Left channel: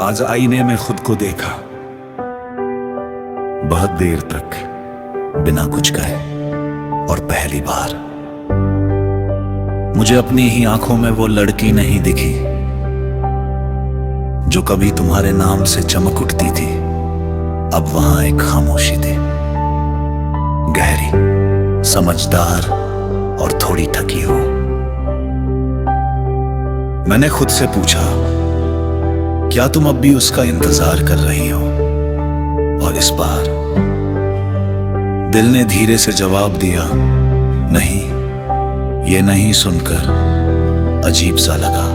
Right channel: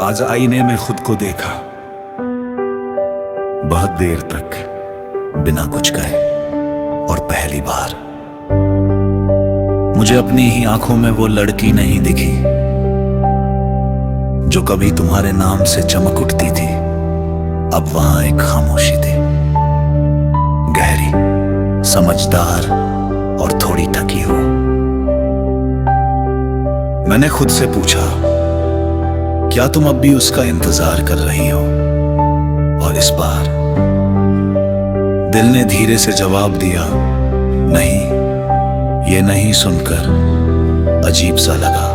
आज आईने में खुद को देखा, बहुत देर तक बिना कुछ कहे, और पहली बार मुझे अपनी ही आंखों में वो लड़की नहीं दिखी जो कभी तुम्हारे नाम से चमक उठती थी। अब वहां एक खामोशी थी, गहरी, समझदार और थोड़ी थकी हो। मैंने खुद से पूछा, क्या तुम अब भी उसका इंतजार कर रही हो? और इस बार दिल ने धीरे से जवाब दिया, नहीं। ये नहीं सुनकर अजीब सा लगा,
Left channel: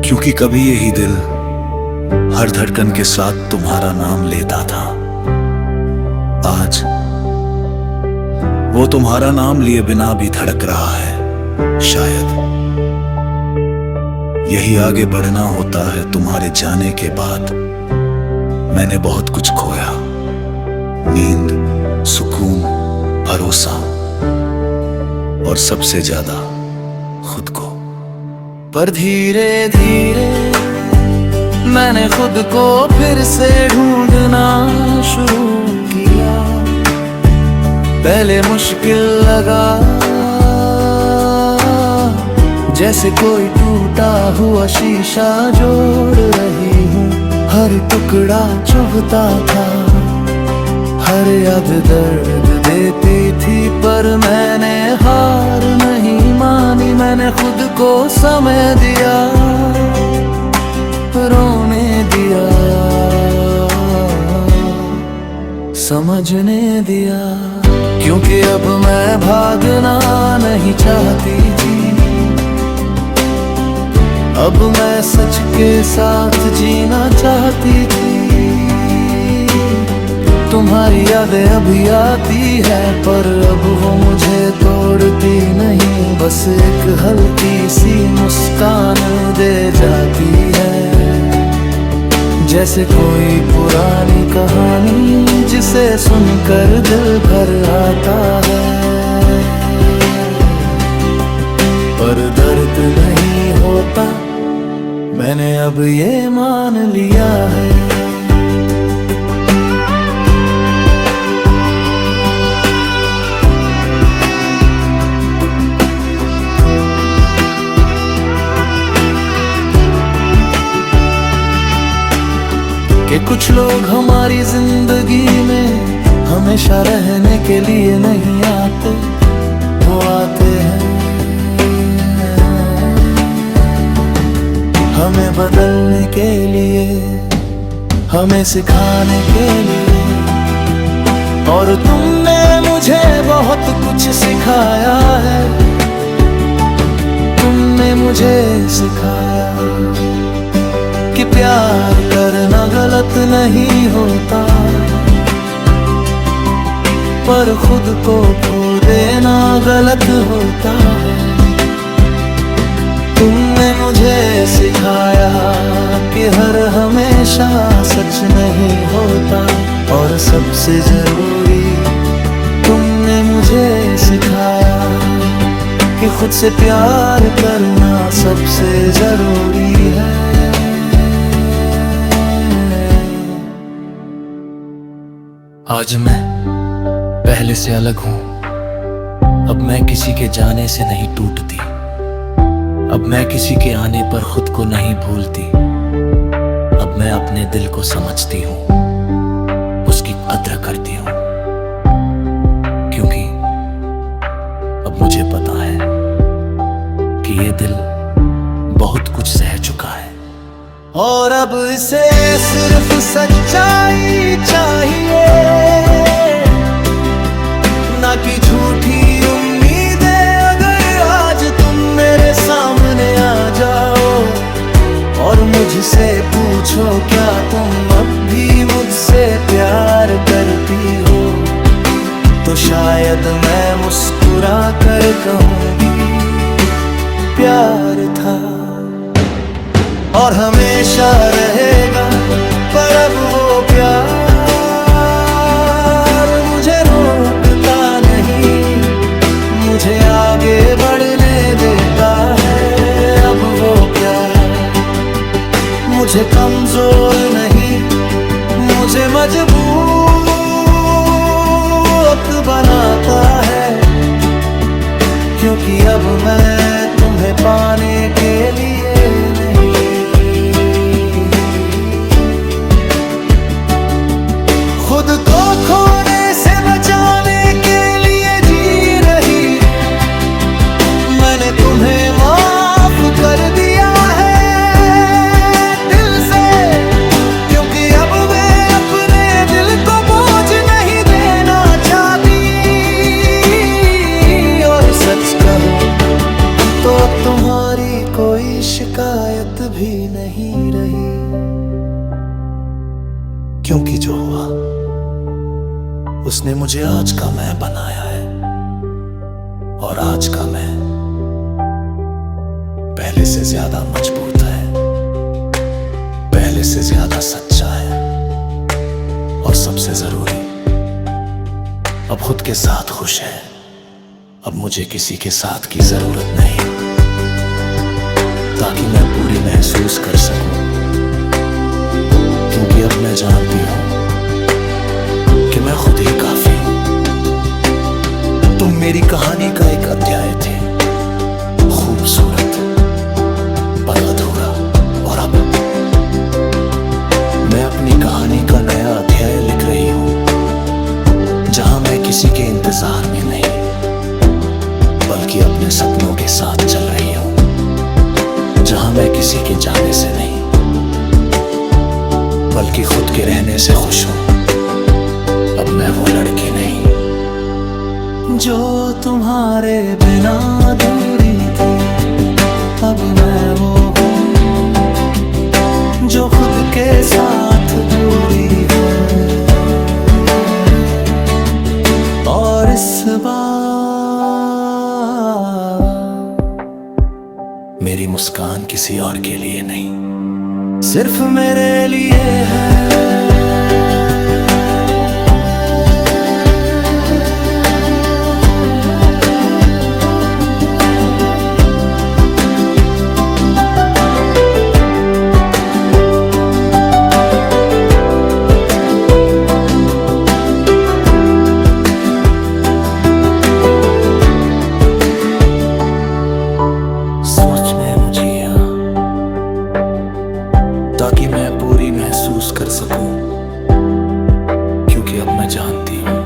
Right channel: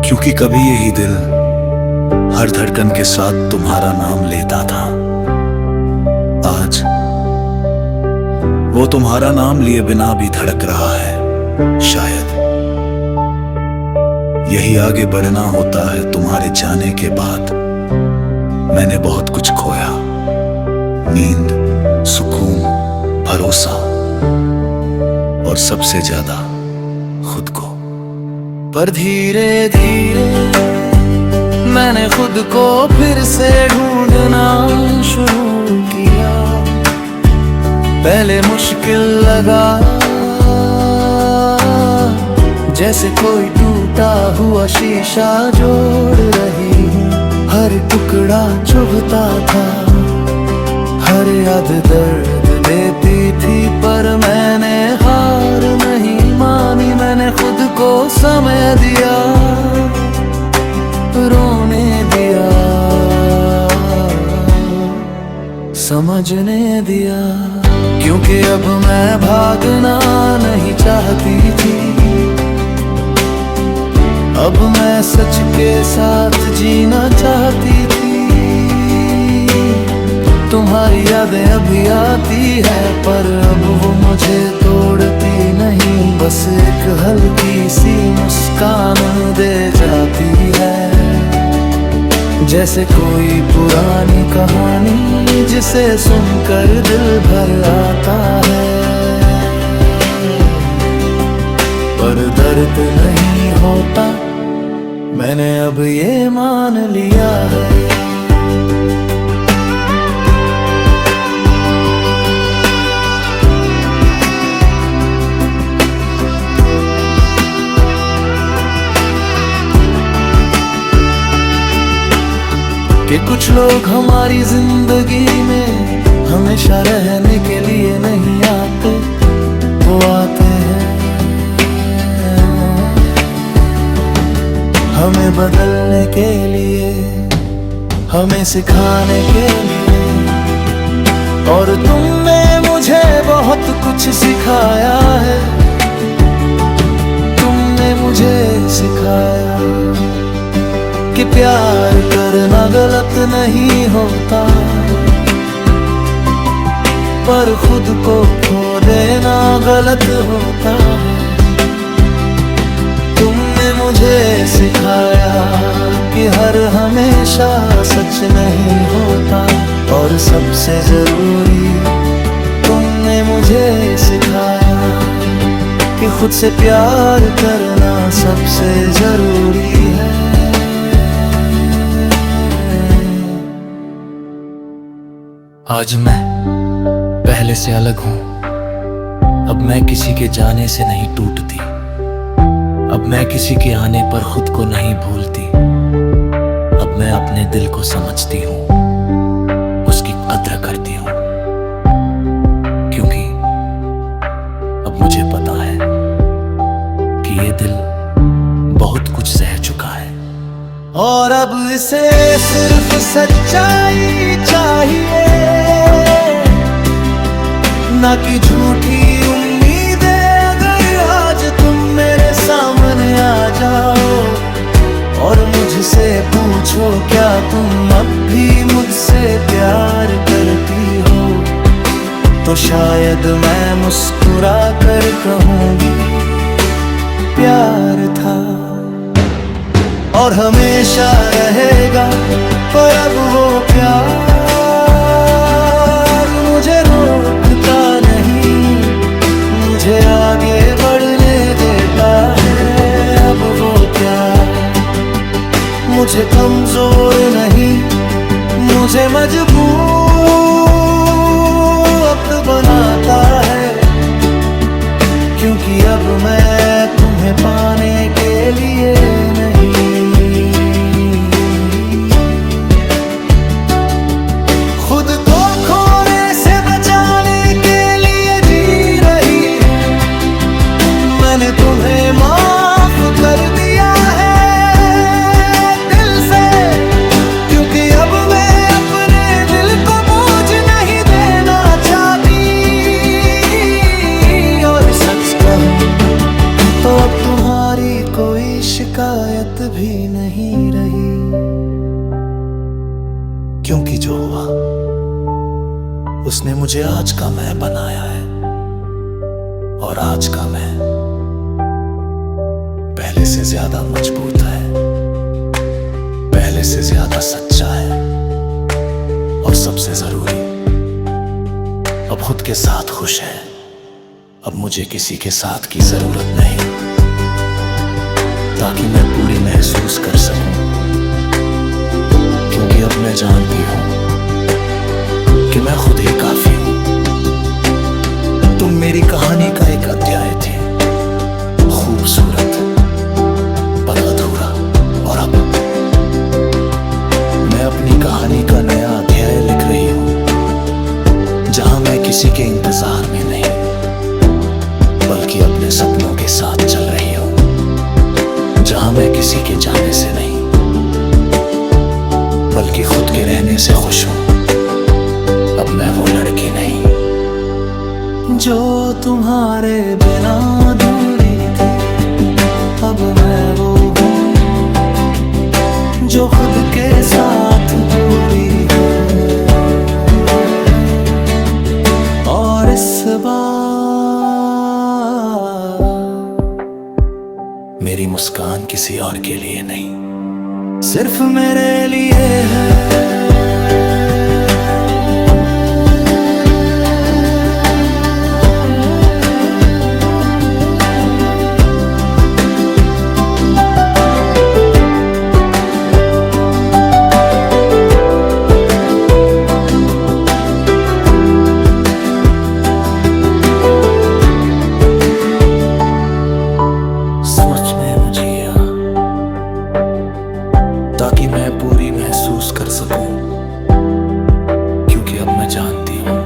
क्योंकि कभी यही दिल हर धड़कन के साथ तुम्हारा नाम लेता था। आज वो तुम्हारा नाम लिए बिना भी धड़क रहा है। शायद यही आगे बढ़ना होता है। तुम्हारे जाने के बाद मैंने बहुत कुछ खोया, नींद, सुकून, भरोसा और सबसे ज्यादा खुद को। पर धीरे धीरे मैंने खुद को फिर से ढूंढना शुरू किया। पहले मुश्किल लगा, जैसे कोई टूटा हुआ शीशा जोड़ रही हूँ। हर टुकड़ा चुभता था, हर याद दर्द देती थी, पर मैंने हार नहीं मानी। मैंने खुद को समय दिया, रोने दिया, समझने दिया, क्योंकि अब मैं भागना नहीं चाहती थी। अब मैं सच के साथ जीना चाहती थी। तुम्हारी यादें अभी आती है, पर अब वो मुझे तोड़ती नहीं। बस एक हल्की सी मुस्कान दे जाती है, जैसे कोई पुरानी कहानी जिसे सुनकर दिल भर आता है। पर दर्द नहीं होता, मैंने अब ये मान लिया है। कि कुछ लोग हमारी जिंदगी में हमेशा रहने के लिए नहीं आते, वो आते हैं हमें बदलने के लिए, हमें सिखाने के लिए। और तुमने मुझे बहुत कुछ सिखाया है, तुमने मुझे सिखाया कि प्यार करना गलत नहीं होता, पर खुद को खो देना गलत होता है। तुमने मुझे सिखाया कि हर हमेशा सच नहीं होता, और सबसे जरूरी तुमने मुझे सिखाया कि खुद से प्यार करना सबसे जरूरी है। आज मैं पहले से अलग हूँ, अब मैं किसी के जाने से नहीं टूटती, अब मैं किसी के आने पर खुद को नहीं भूलती। अब मैं अपने दिल को समझती हूँ, उसकी कद्र करती हूँ, क्योंकि अब मुझे पता है कि ये दिल बहुत कुछ सह चुका है। और अब इसे सिर्फ सच्चाई चाहिए, ना कि झूठी उम्मीदें। अगर आज तुम मेरे सामने आ जाओ और मुझसे पूछो, क्या तुम अब भी मुझसे प्यार करती हो, तो शायद मैं मुस्कुरा कर कहूँगी, प्यार था और हमेशा रहेगा। पर अब वो प्यार मुझे रोकता नहीं, मुझे आगे बढ़ने देता है। अब वो प्यार मुझे कमजोर नहीं, मुझे मजबूत बनाता है, क्योंकि अब मैं तुम्हें पाने के लिए नहीं, खुद को खोने से बचाने के लिए जी रही हूँ। मैंने तुम्हें माफ कर दिया है दिल से, क्योंकि अब मैं अपने दिल को बोझ नहीं देना चाहती। और सच कहूँ तो अब तुम्हारी कोई शिकायत भी नहीं रही, क्योंकि जो हुआ उसने मुझे आज का मैं बनाया है, और आज का मैं पहले से ज्यादा मजबूत है, पहले से ज्यादा सच्चा है, और सबसे जरूरी अब खुद के साथ खुश है। अब मुझे किसी के साथ की जरूरत नहीं, ताकि मैं पूरी महसूस कर सकूं, क्योंकि अब मैं जानती हूं कि मैं खुद ही काफी हूं। तुम मेरी कहानी का एक अध्याय थे, खूबसूरत पर अधूरा, और अब मैं अपनी कहानी का नया अध्याय लिख रही हूं, जहां मैं किसी के इंतजार में नहीं, बल्कि अपने सपनों के साथ चल रही हूं, जहां मैं किसी के जाने से नहीं, बल्कि खुद के रहने से खुश हूं। अब मैं वो लड़की नहीं जो तुम्हारे बिना अधूरी थी, अब मैं वो हूँ जो खुद के साथ पूरी है। और इस बार मेरी मुस्कान किसी और के लिए नहीं, सिर्फ मेरे लिए है। ताकि मैं पूरी महसूस कर सकूं, क्योंकि अब मैं जानती हूं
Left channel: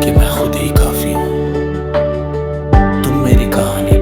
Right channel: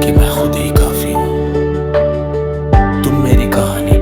कि मैं खुद ही काफी हूं। तुम मेरी कहानी